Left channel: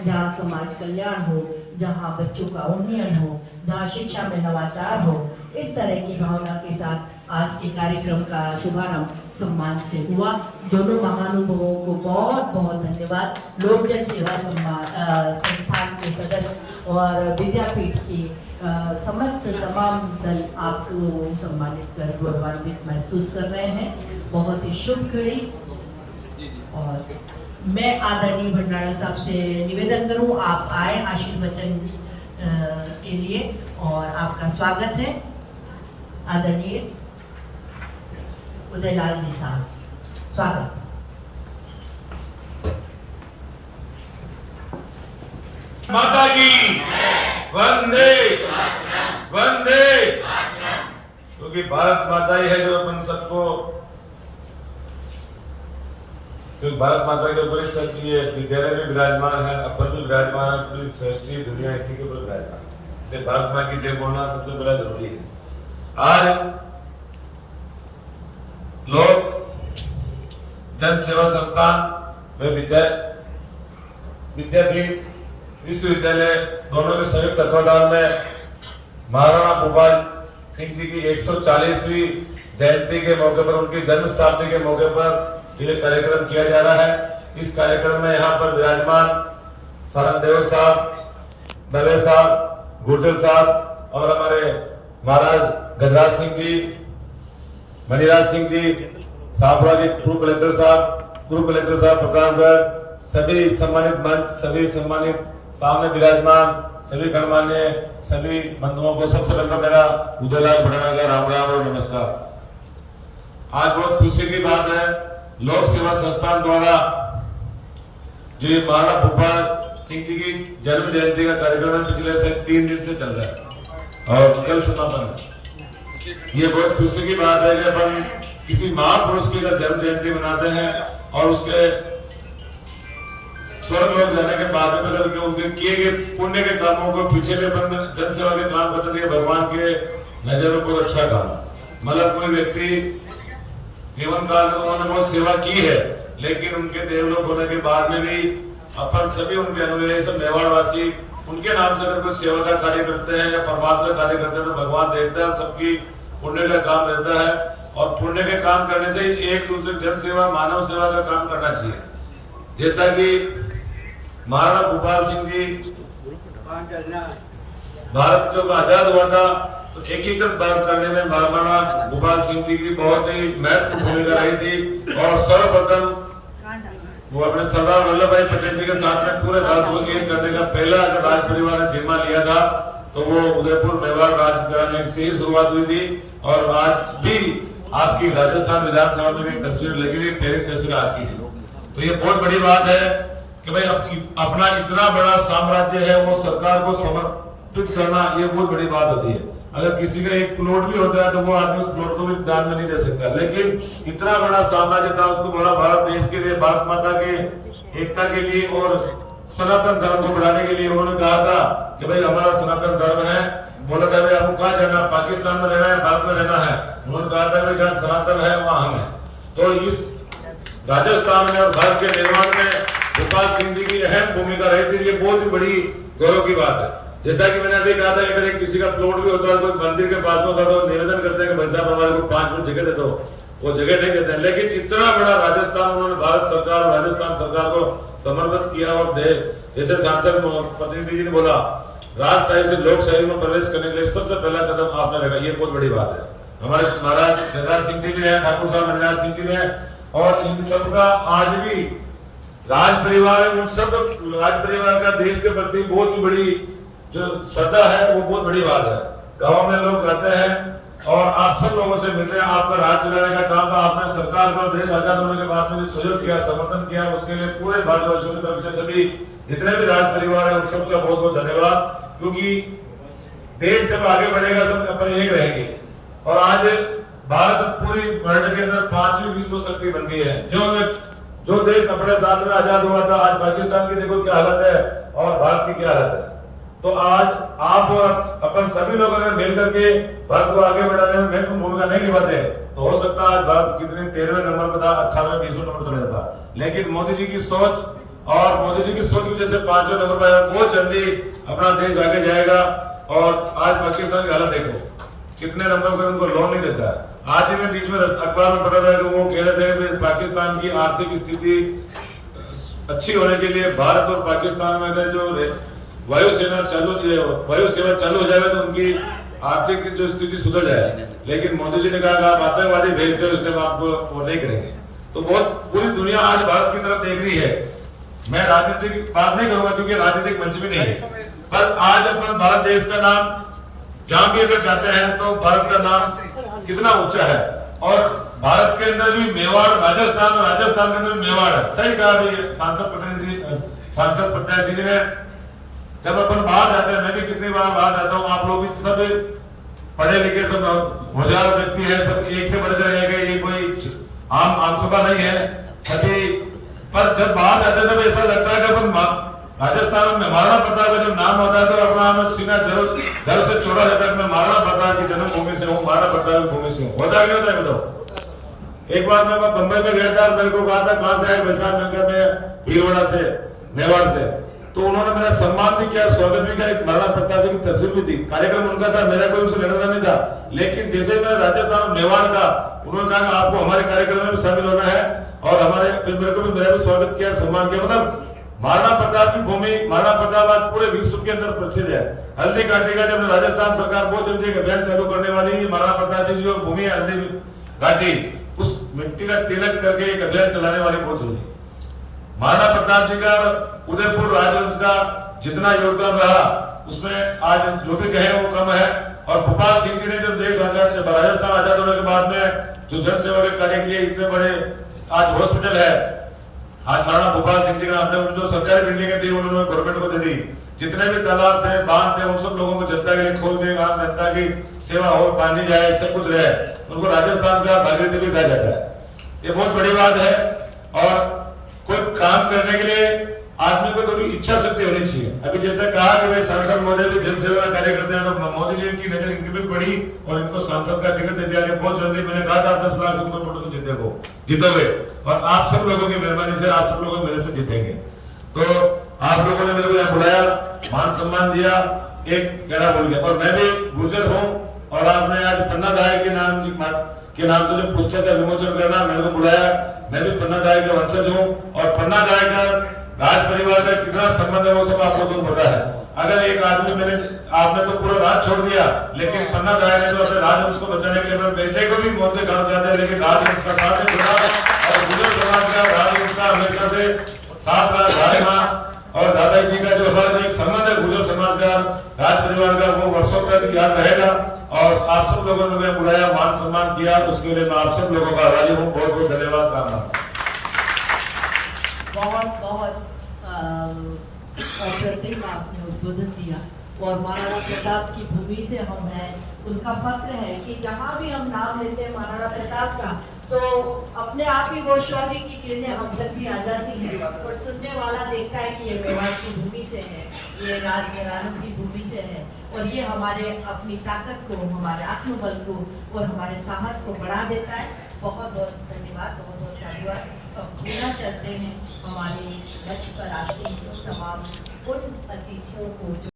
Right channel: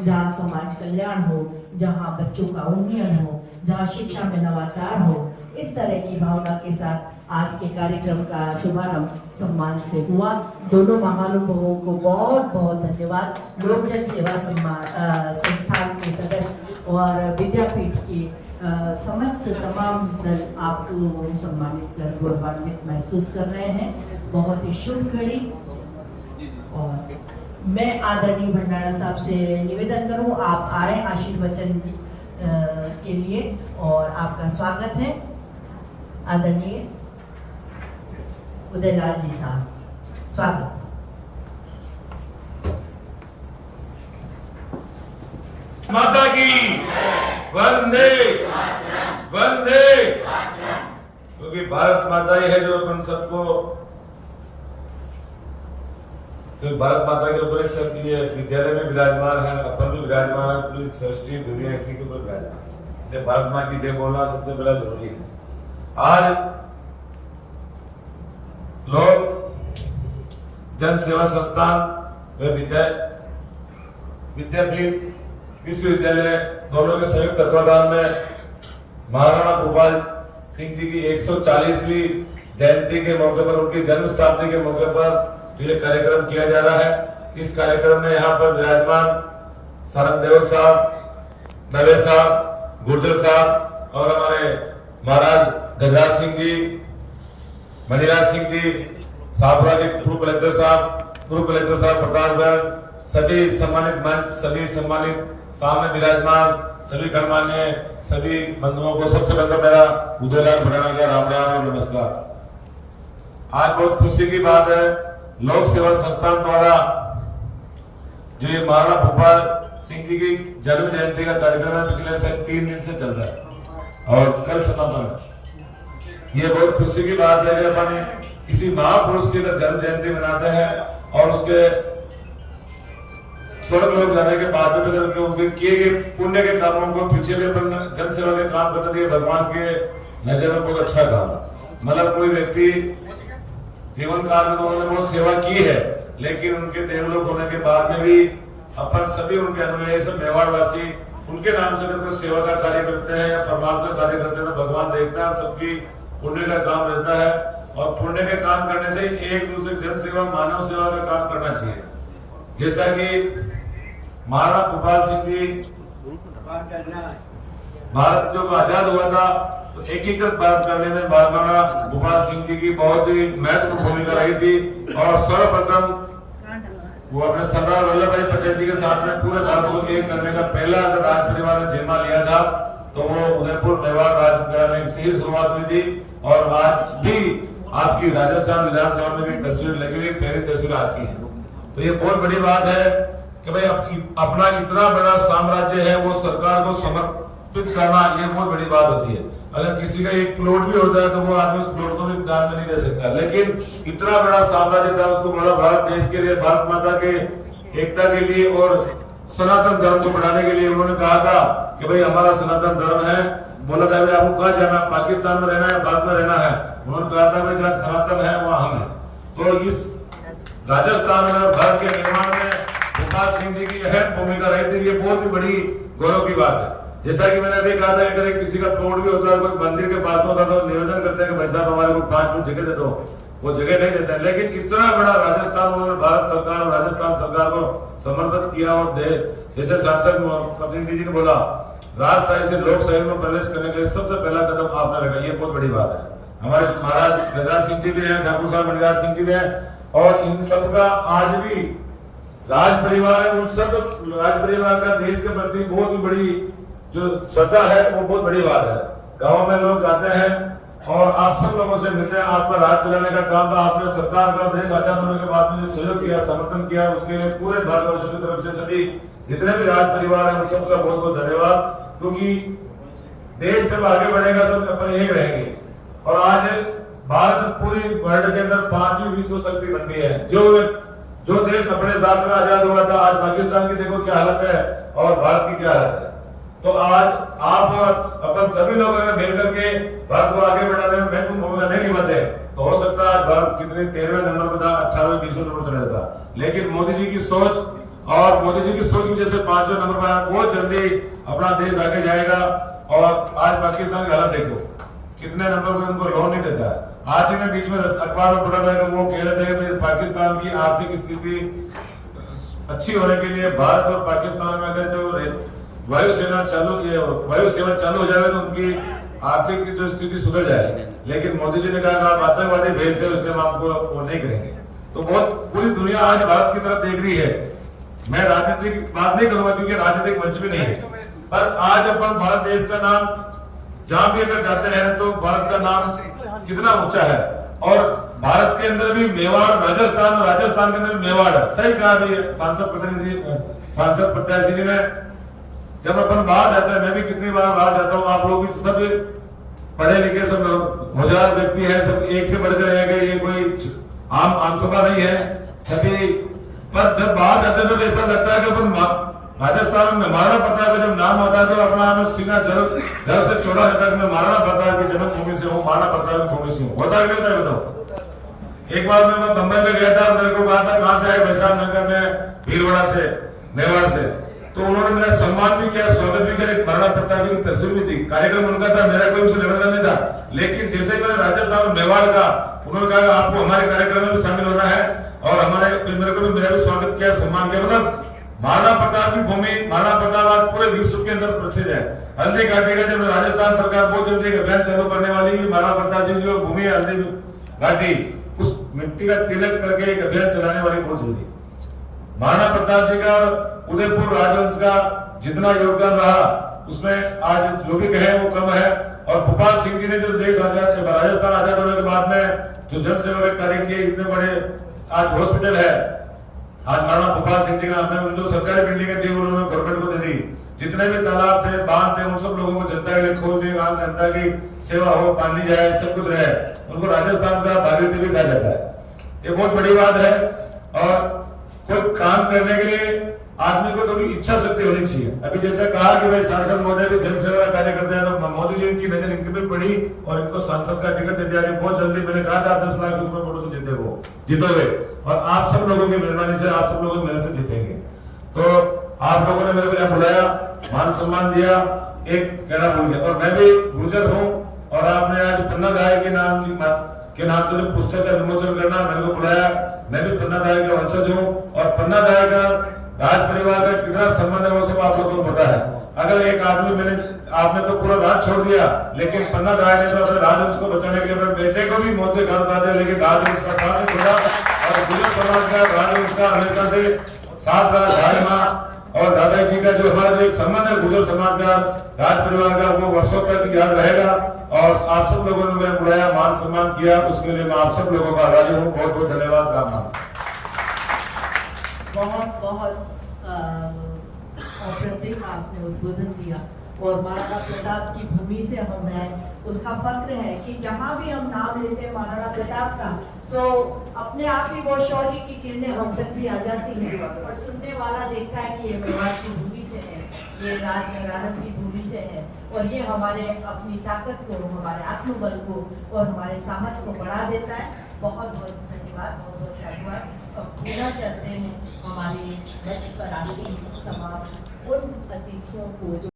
जहाँ समाज कल्याण हो, जहाँ बच्चों का उन्नयन हो, जहाँ शिक्षा में नवाचार हो। इस तरह की भावना के साथ आज के कार्यक्रम का शुभारंभ सम्मान से हुआ। दोनों महानुभावों को बहुत बहुत धन्यवाद। लोक जन सेवा संस्थान के सदस्य और विद्यापीठ के समस्त तमाम दल आपको सम्मानित कर गौरवान्वित महसूस कर रहे हैं। बहुत ही शुभ घड़ी। और मैं आदरणीय भंडारा साहब से निवेदन करूं, आप आए आशीर्वचन के लिए और आपका स्वागत है। आदरणीय उदयलाल जी साहब, स्वागत। माता की वंदे वंदे। क्योंकि भारत माता ही है जो अपन सबको, क्योंकि भारत माता के ऊपर सब ये विद्यालय में विराजमान है, अपन भी विराजमान है, पूरी सृष्टि दुनिया इसी के ऊपर विराजमान है। इसलिए भारत माँ की जय बोलना सबसे बड़ा जरूरी है। आज लोग जन सेवा संस्थान व विद्यापीठ विश्वविद्यालय दोनों के संयुक्त तत्वाधान में महाराणा भूपाल सिंह जी की 140वीं जयंती के मौके पर, उनकी जन्म शताब्दी के मौके पर ये कार्यक्रम किया जा रहा है। इस कार्यक्रम में यहाँ पर विराजमान सारंगदेव साहब, दवे साहब, गुर्जर साहब और हमारे महाराज गजराज सिंह जी, मणिराज सिंह जी, साबरा जी, पूर्व कलेक्टर साहब प्रतापगढ़, सभी सम्मानित मंच, सभी सम्मानित सामने विराजमान सभी गणमान्य सभी बंधुओं को सबसे पहले मेरा उदयलाल भंडारा का राम राम और नमस्कार। आज बहुत खुशी की बात है, लोक सेवा संस्थान द्वारा जो ये महाराणा भूपाल सिंह जी की जन्म जयंती का कार्यक्रम है, पिछले से 3 दिन से चल रहा है और कल समापन है। ये बहुत खुशी की बात है कि अपन किसी महापुरुष की जन्म जयंती मनाते हैं और उसके स्वर्ग लोक जाने के बाद में उनके किए गए पुण्य के कामों को पीछे में अपन जन सेवा के काम करते थे। भगवान के नजर में बहुत अच्छा काम, मतलब कोई व्यक्ति जीवन काल में उन्होंने बहुत सेवा की है, लेकिन उनके देवलोक होने के बाद में भी अपन सभी उनके अनुयायी सब मेवाड़वासी उनके नाम से अगर कोई सेवा का कार्य करते हैं या परमार्थ का कार्य करते हैं तो भगवान देखता है, सबकी पुण्य का काम रहता है। और पुण्य के काम करने से एक दूसरे जन सेवा मानव सेवा का काम करना चाहिए। जैसा कि महाराणा भूपाल सिंह जी भारत जब आजाद हुआ था तो एकीकृत भारत करने में महाराणा भूपाल सिंह जी की बहुत ही महत्वपूर्ण भूमिका रही थी। और सर्वप्रथम वो अपने सरदार वल्लभ भाई पटेल जी के साथ में पूरे भारत को एक करने का पहला अगर राज परिवार ने जिम्मा लिया था तो वो उदयपुर मेवाड़ राज से ही शुरुआत हुई थी। और आज भी आपकी राजस्थान विधानसभा में भी तस्वीर लगी हुई, पहली तस्वीर आपकी है। तो ये बहुत बड़ी बात है कि भाई अपना इतना बड़ा साम्राज्य है वो सरकार को समर्पित करना, ये बहुत बड़ी बात होती है। अगर किसी का एक प्लॉट भी होता है तो वो आदमी उस प्लॉट को भी दान में नहीं दे सकता, लेकिन इतना बड़ा साम्राज्य था, उसको बोला भारत देश के लिए, भारत माता के एकता के लिए और सनातन धर्म को बढ़ाने के लिए उन्होंने कहा था कि भाई हमारा सनातन धर्म है। बोला जाए आपको कहाँ जाना, पाकिस्तान में रहना है, भारत में रहना है? उन्होंने कहा था भाई जहाँ सनातन है वहाँ हम है। तो इस राजस्थान में और भारत के निर्माण में भूपाल सिंह जी की अहम भूमिका रही थी। ये बहुत ही बड़ी गौरव की बात है। जैसा कि मैंने अभी कहा था, अगर किसी का प्लॉट भी होता है, कोई मंदिर के पास में होता है तो निवेदन करते हैं कि भाई साहब हमारे को 5 मिनट जगह दे दो, वो जगह नहीं देते हैं। लेकिन इतना बड़ा राजस्थान उन्होंने भारत सरकार और राजस्थान सरकार को समर्पित किया। और जैसे सांसद प्रतिनिधि जी ने बोला, राजशाही से लोकशाही में प्रवेश करने के लिए सबसे पहला कदम आपने रखा, ये बहुत बड़ी बात है। हमारे महाराज गजराज सिंह जी भी हैं, ठाकुर साहब मणिराज सिंह जी भी हैं, और इन सबका आज भी राज परिवार है, उन सब राज परिवार का देश के प्रति बहुत ही बड़ी जो श्रद्धा है वो बहुत बड़ी बात है। गाँव में लोग जाते हैं और आप सब लोगों से मिलते हैं, आपका राज चलाने का काम था, आपने सरकार का देश आजाद होने के बाद में सहयोग किया, समर्थन किया, उसके लिए पूरे भारतवासियों की तरफ से सभी जितने भी राज परिवार है उन सबका बहुत बहुत धन्यवाद। क्योंकि देश जब आगे बढ़ेगा सब अपन एक रहेंगे। और आज भारत पूरी वर्ल्ड के अंदर 5वीं विश्व शक्ति बन गई है। जो देश अपने साथ में आजाद हुआ था, आज पाकिस्तान की देखो क्या हालत है और भारत की क्या हालत है। तो आज आप और अपन सभी लोग अगर मिलकर के भारत को आगे बढ़ाने में महत्वपूर्ण भूमिका नहीं निभाते तो हो सकता है आज भारत कितने 13वें नंबर पर था, 18वें 20वें नंबर चला जाता। लेकिन मोदी जी की सोच और मोदी जी की सोच की वजह से 5वें नंबर पर आया। बहुत जल्दी अपना देश आगे जाएगा। और आज पाकिस्तान की हालत देखो, कितने नंबर को उनको लोन नहीं देता है। आज ही मैं बीच में अखबार में पढ़ा था कि वो कह रहे थे कि पाकिस्तान की आर्थिक स्थिति अच्छी होने के लिए भारत और पाकिस्तान में अगर जो वायुसेना चालू हो जाए तो उनकी आर्थिक जो स्थिति सुधर जाए। लेकिन मोदी जी ने कहा कि आप आतंकवादी भेजते हैं, उसने आपको वो नहीं करेंगे। तो बहुत पूरी दुनिया आज भारत की तरफ देख रही है। मैं राजनीतिक बात नहीं करूंगा क्योंकि राजनीतिक मंच भी नहीं है, पर आज अपन भारत देश का नाम जहां भी अगर जाते हैं तो भारत का नाम कितना ऊंचा है। और भारत के अंदर भी मेवाड़, राजस्थान के अंदर भी मेवाड़ है। सही कहा अभी सांसद प्रत्याशी जी ने। जब अपन बाहर जाते हैं, मैं भी कितनी बार बाहर जाता हूँ, आप लोग भी सब पढ़े लिखे, सब होशियार व्यक्ति है, सब एक से बढ़कर रह गए, ये कोई आम सभा नहीं है सभी। पर जब बाहर जाते हैं तब ऐसा लगता है कि अपन राजस्थान में महाराणा प्रताप का जब नाम होता है तो अपना सीना जल से चौड़ा रहता है। मैं महाराणा प्रताप की जन्मभूमि से हूँ, महाराणा प्रताप की भूमि से हूँ। होता है नहीं होता है बताओ। एक बार मैं बंबई में गया था, मेरे को कहा था कहां से है वैसा, मैं भीलवाड़ा से, मेवाड़ से। तो उन्होंने मेरा सम्मान भी किया, स्वागत भी किया। एक महाराणा प्रताप की तस्वीर भी थी। कार्यक्रम उनका था, मेरा कोई उनसे लड़ना नहीं था। लेकिन जैसे ही मैंने राजस्थान और मेवाड़ का, उन्होंने कहा आपको हमारे कार्यक्रम में भी शामिल होना है और मेरे को भी मेरा भी स्वागत किया, सम्मान किया। मतलब महाराणा प्रताप की भूमि, महाराणा प्रताप आज पूरे विश्व के अंदर प्रसिद्ध है। हल्दी घाटी का जब राजस्थान सरकार बहुत जल्दी एक अभियान चालू करने वाली है, महाराणा प्रताप जी जो भूमि है हल्दी घाटी, उस मिट्टी का तिलक करके एक अभियान चलाने वाली बहुत जल्दी। महाराणा प्रताप जी का उदयपुर राजवंश का जितना योगदान रहा उसमें आज जो भी कहे वो कम है। और भोपाल सिंह जी ने जब देश राजस्थान आजाद होने के बाद में जो जन सेवा के कार्य किए, इतने बड़े आज हॉस्पिटल है, आज महाराणा भोपाल सिंह जी ने अपने जो सरकारी बिल्डिंगें थी उन्होंने गवर्नमेंट को दे दी। जितने भी तालाब थे, बांध थे, उन सब लोगों को जनता के लिए खोल दिए। जनता की सेवा हो, पानी जाए, सब कुछ रहे। उनको राजस्थान का भागीरथी भी कहा जाता है। ये बहुत बड़ी बात है। और कोई काम करने के लिए आदमी को थोड़ी इच्छा शक्ति होनी चाहिए। अभी जैसा कहा कि भाई सांसद मोदी भी जन सेवा का कार्य करते हैं, तो मोदी जी की नजर इनके पे पड़ी और इनको सांसद का टिकट दे दिया। बहुत जल्दी मैंने कहा था 10 लाख से ऊपर वोटों से जीतोगे और आप सब लोगों की मेहरबानी से, आप सब लोगों की मेहनत से जीतेंगे। तो आप लोगों ने मेरे को यहाँ बुलाया, मान सम्मान दिया, एक कहना भूल गया। और मैं भी गुर्जर हूँ और आपने आज पन्ना दाई के नाम से जो पुस्तक का विमोचन करना मेरे को बुलाया। मैं भी पन्ना दाई के वंशज हूँ और पन्ना दाई का राज परिवार का कितना संबंध है वो सब आप लोगों को पता है। अगर एक आदमी आपने तो पूरा राज छोड़ दिया, लेकिन पन्ना दाई ने तो अपने राजवंश को बचाने के लिए अपने बेटे को भी मौत के घाट उतार दिया, लेकिन राजवंश का साथ नहीं छोड़ा। और गुर्जर समाज का राजवंश का हमेशा से साथ रहा। भाई माँ और दादाजी जी का जो हमारा एक संबंध है गुर्जर समाज का, राज परिवार का, वो वर्षों तक याद रहेगा। और आप सब लोगों ने बुलाया, मान सम्मान किया, उसके लिए मैं आप सब लोगों का आभारी हूँ। बहुत बहुत धन्यवाद। राम नाम से बहुत बहुत अप्रतिम आपने उद्बोधन दिया। और महाराणा प्रताप की भूमि से हम हैं, उसका फक्र है कि जहाँ भी हम नाम लेते हैं महाराणा प्रताप का, तो अपने आप ही वो शौर्य की किरणें हम तक भी आ जाती हैं। और सुनने वाला देखता है कि ये मेवाड़ की भूमि से है, ये राजघरानों की भूमि से है। और ये हमारे अपनी ताकत को, हमारे आत्मबल को और हमारे साहस को बढ़ा देता है। बहुत बहुत धन्यवाद, बहुत बहुत धन्यवाद। अब पूरा चलते हैं हमारे मंच पर आसीन तमाम उन अतिथियों को जो